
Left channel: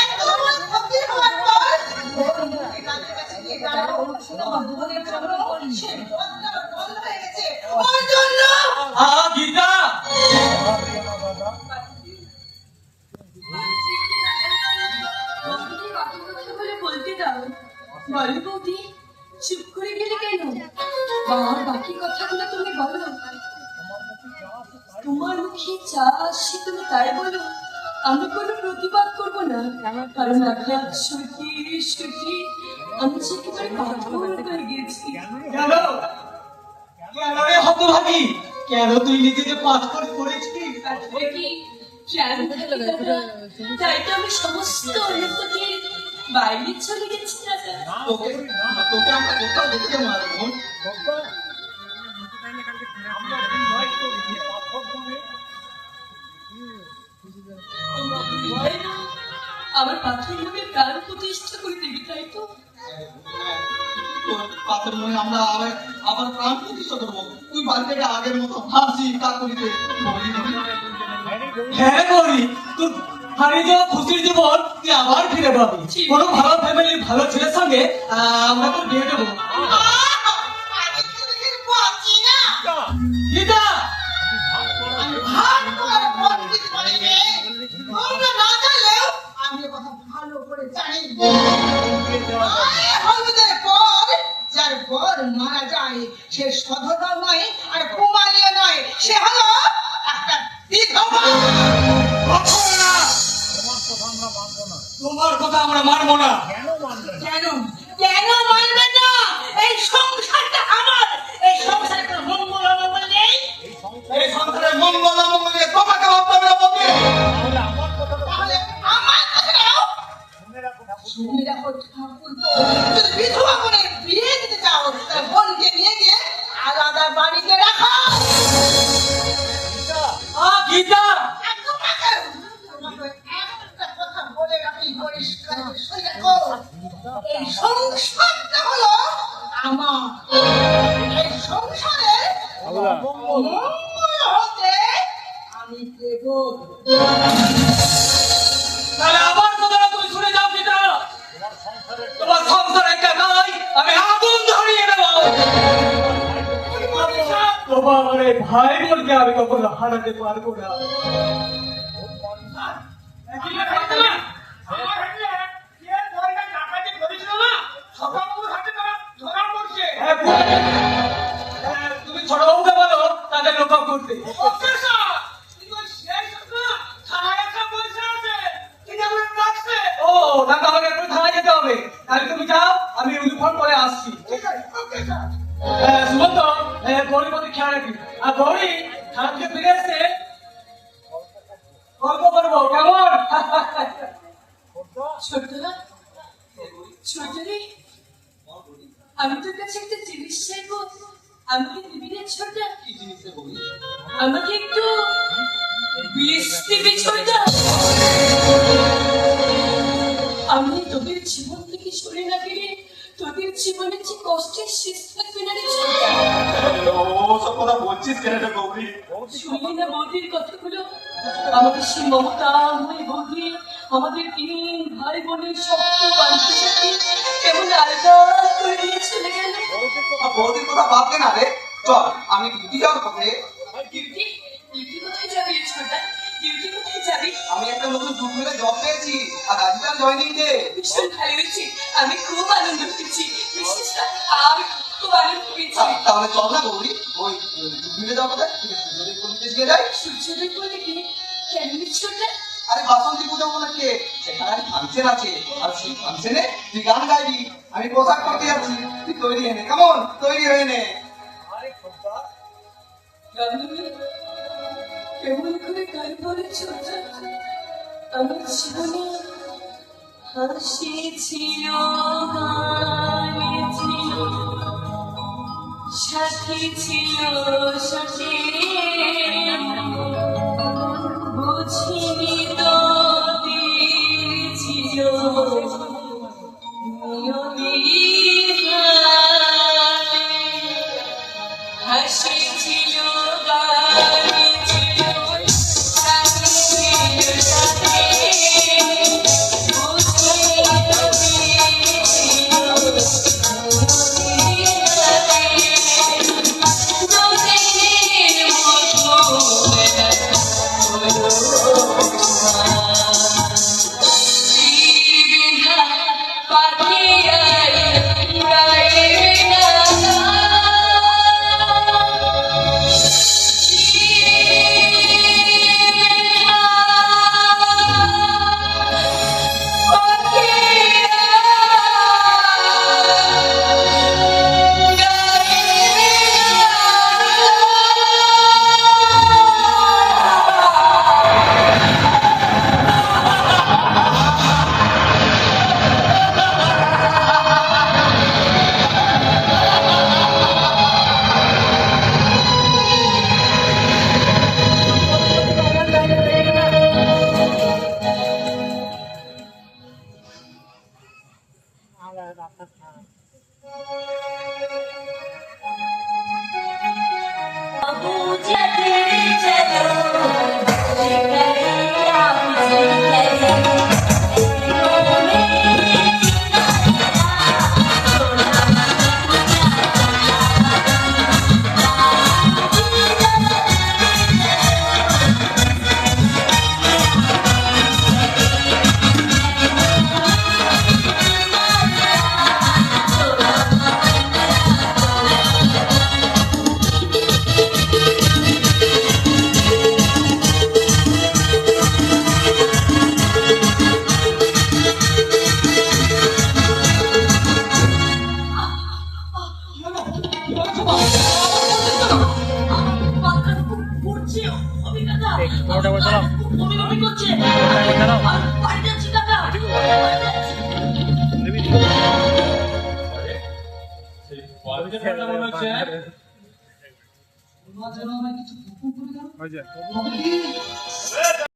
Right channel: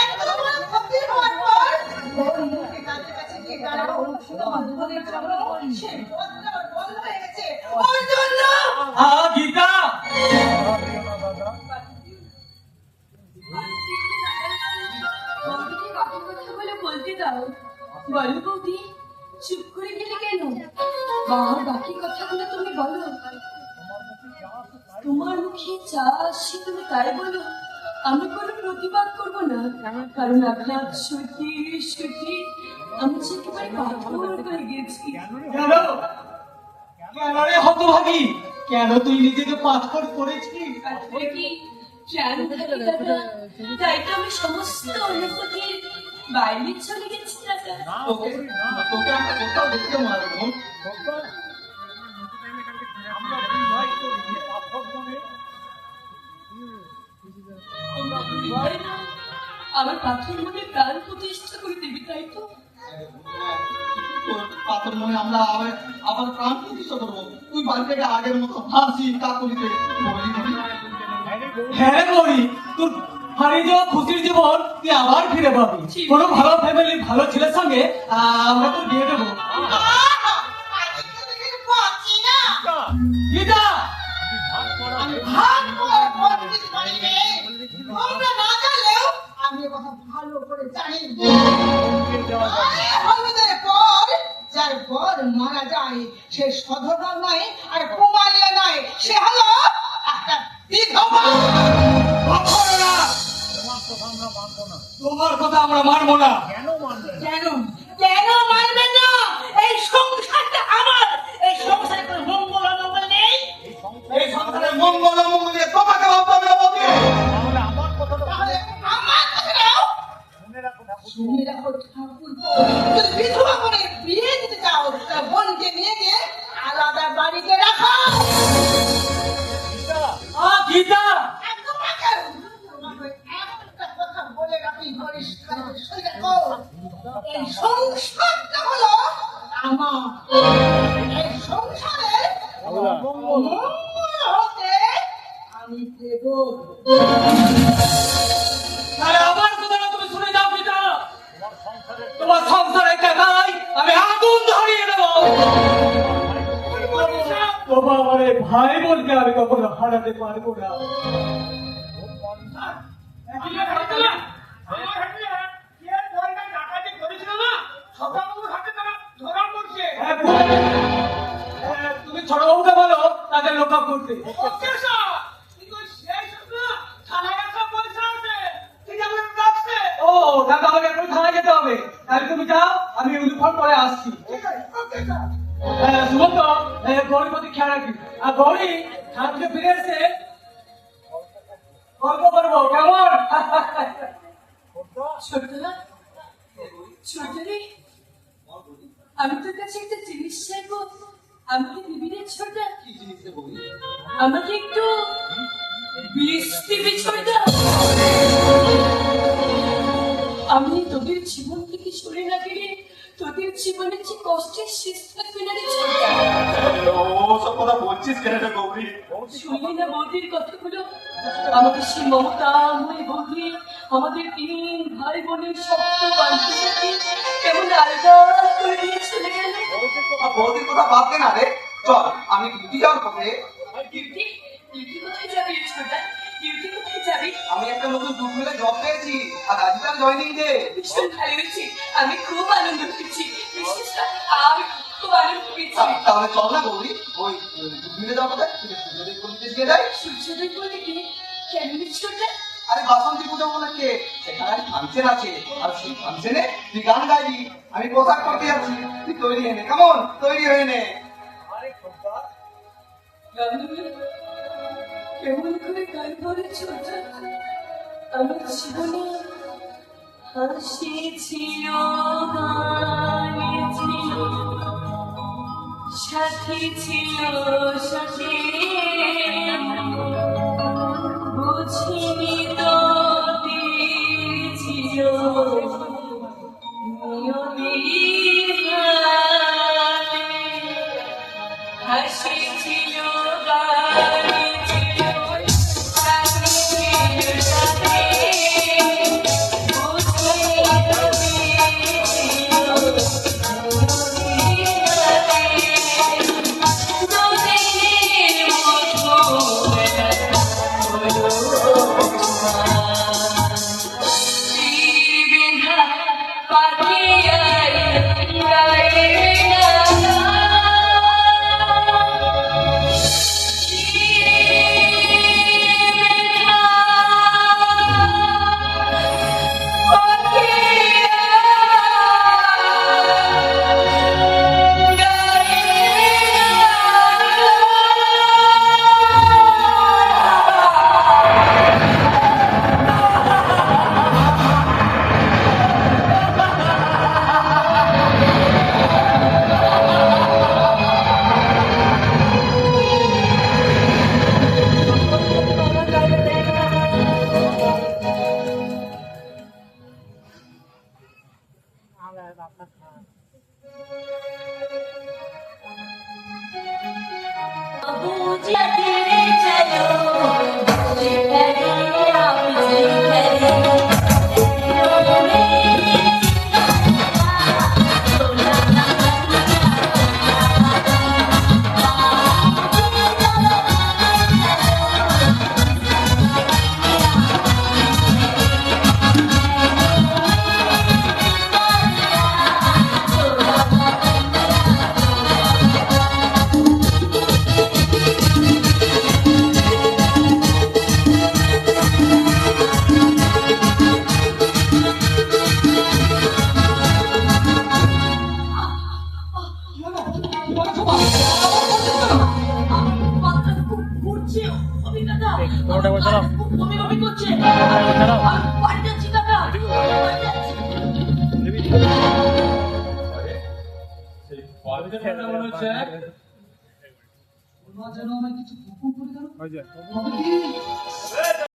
একদম ভক্তি হওয়ার পর ওর মুখে কাছে কাছে গিয়ে দাঁড়াও আমার বোনের জন্য সে বন্ধ হয়ে গেছে ওর জন্য গীতা বৌদিকে কত কথা বলে বলতে দাও। বলো বৌদি, চুপ করে গেলে কেন? আর বাকি কথাগুলো তুমি বলো। তোমার মুখে যা আসে তুমি তাই বলো। আমি কোনো প্রতিবাদ করবো না, কারণ আঘাত সত্যি সত্যি আমি যে একেবারে পাথর হয়ে গেছি। কেন কেন রে হতভাগী? কেন তুই নিজেকে পাথর করেছিস? আসলে কি প্রাণ থাকে দাদা, তাই তো আমি সমস্ত অনুভূতির বাইরে চলে গেছি দাদা। তোকে তোকে আমরা কোথাও দেখতে পারবো বোন। আমার পাথর মনে প্রাণ প্রতিষ্ঠা করে দিবি তাই তো? তোর পাথর মনে আমরা আবার প্রাণ প্রতিষ্ঠা করবো। তুই বাড়িতে আগের মতো হাসি কাকুলিতে হ্যাঁ গৌরী, তোর হারিয়ে যাওয়া খুশির জীবন তুই আবার ফিরে পাবি। কোনো ভালো ফ্যামিলির ভালো ছেলের সঙ্গে আমরা তো বিয়ে দেবো। আমি তোদের বাঁচি না গীতা আমি ভাগ করে বন্দিত করিনি তোমরা না জানলেও আমি এ কথা ভালো করে জানি হলুদের পর যার বর মারা যায় সে সধবা নয় আর কুমারিয়া নয় সে হলো একটা বিধবা তোমার কথা আমরা মানবো না। কেন কেন মানবে না এই সংসারটা আমার এই সংসারে কোনো মঙ্গল অমঙ্গল নেই এই সংসারের মঙ্গল অমঙ্গল নিয়ে তোমাকে ভাবতে হবে। তাহলে আমার কথা নাও শুনে রাখো ঠাকুর যদি বিধবা করে বিয়ে দিতে চাও তার বোনকে নিয়ে গিয়ে আলাদা বাড়িতে রাখো গীতা একদম রাখো তোমাকে একটা কথা বলে রাখি পরিষ্কার করে শুনে রাখো এই সংসারটা হলো আমার এই সংসারে মঙ্গল হতে আমি দেব তাহলে আমার কথাটা তুমি শুনে যাও গীতা। তোমার সংসার একাই আমি আগুন ধরিয়ে দেবো। তোমার ভাই বোনকে আমি কখনো হারাতে পারবো না। হ্যাঁ, তুমি ছোট বাবুকে বলো তাদের লোক করতে। ও দাদা, আমাকে এখন থানায় যেতে হবে, তাহলে তুমি যাও, আমি ইউনিফর্ম পরে আসছি। সুমন্ত, গৌরীর প্রতি খেয়াল রাখবি, আর গৌরী থানা থেকে ফিরে এসে গল্প করবো, কেমন? ছোটদা, ছোট রে, আমি তোর কাছে একটা জিনিস চাইবো, আমাকে দিবি রে ছোটদা? কি জিনিসে বলি? আমাকে একটু বিষ দিবি ছোটদা? আমি তোদের জীবন থেকে সরে না গেলে তোদের জীবনে যে কষ্টের শেষ থাকবে না রে ছোটদা। সব কথা বলছিস কেন রে গৌরী? শুনলি না বৌদির কথাগুলো? আমাদের সেই মমতা মই বৌদি, আমাদের 3 ভাই বোনের শক্ত বান্ধবী সাথে কেমন আলাদা করে দিয়ে চলে গেল। বৌদির কথা বাদ দে না রে, চল আমি ডিউটি যাওয়ার পথে। ডিউটি? ডিউটি কোথায় যাবি ছোটদা? ডিউটি কোথায় যাবি? আমি একটা নতুন জুট মিলে জব পেয়েছি, আর আজকাল জয়েনিং ডে। ভীষণ ভালো হয়েছে, আমি খুব আনন্দ পেয়েছি, বিশেষ করে আমি খুব আনন্দ পেয়েছি। তাহলে চল না গৌরী, ওই জুট মিলে যাওয়া কোথায় সূর্যোদয় করতে দিয়ে যাই। সূর্যোদয় বলে কি? কেন ছোটদা? আরে বাসন্তী পূজা উপলক্ষে সেখানে ফাংশন আছে, আর সেই ফাংশনে তুই গান গাইবি, আমি পোশাক করতে যাচ্ছি, তুই তৈরি হয়ে নে। কেমন? তৈরি হয়ে নে। কেমন করে গান বলে ছোটদা? আমার জীবনে হাসি ছিল, গানে ছিল, সাথী ছিল সাথে, বুঝিনি তো দিয়েছিল নিয়মের হাতে। হাসি ছিল, গানে ছিল, সাথী ছিল সাথে, বুঝিনি তো দিয়েছিল ওটা বসাও। বমি বমি করছে। ওটা দাও। বাড়ি যাচ্ছি কাকা, বাড়ি যাচ্ছি। ওই যে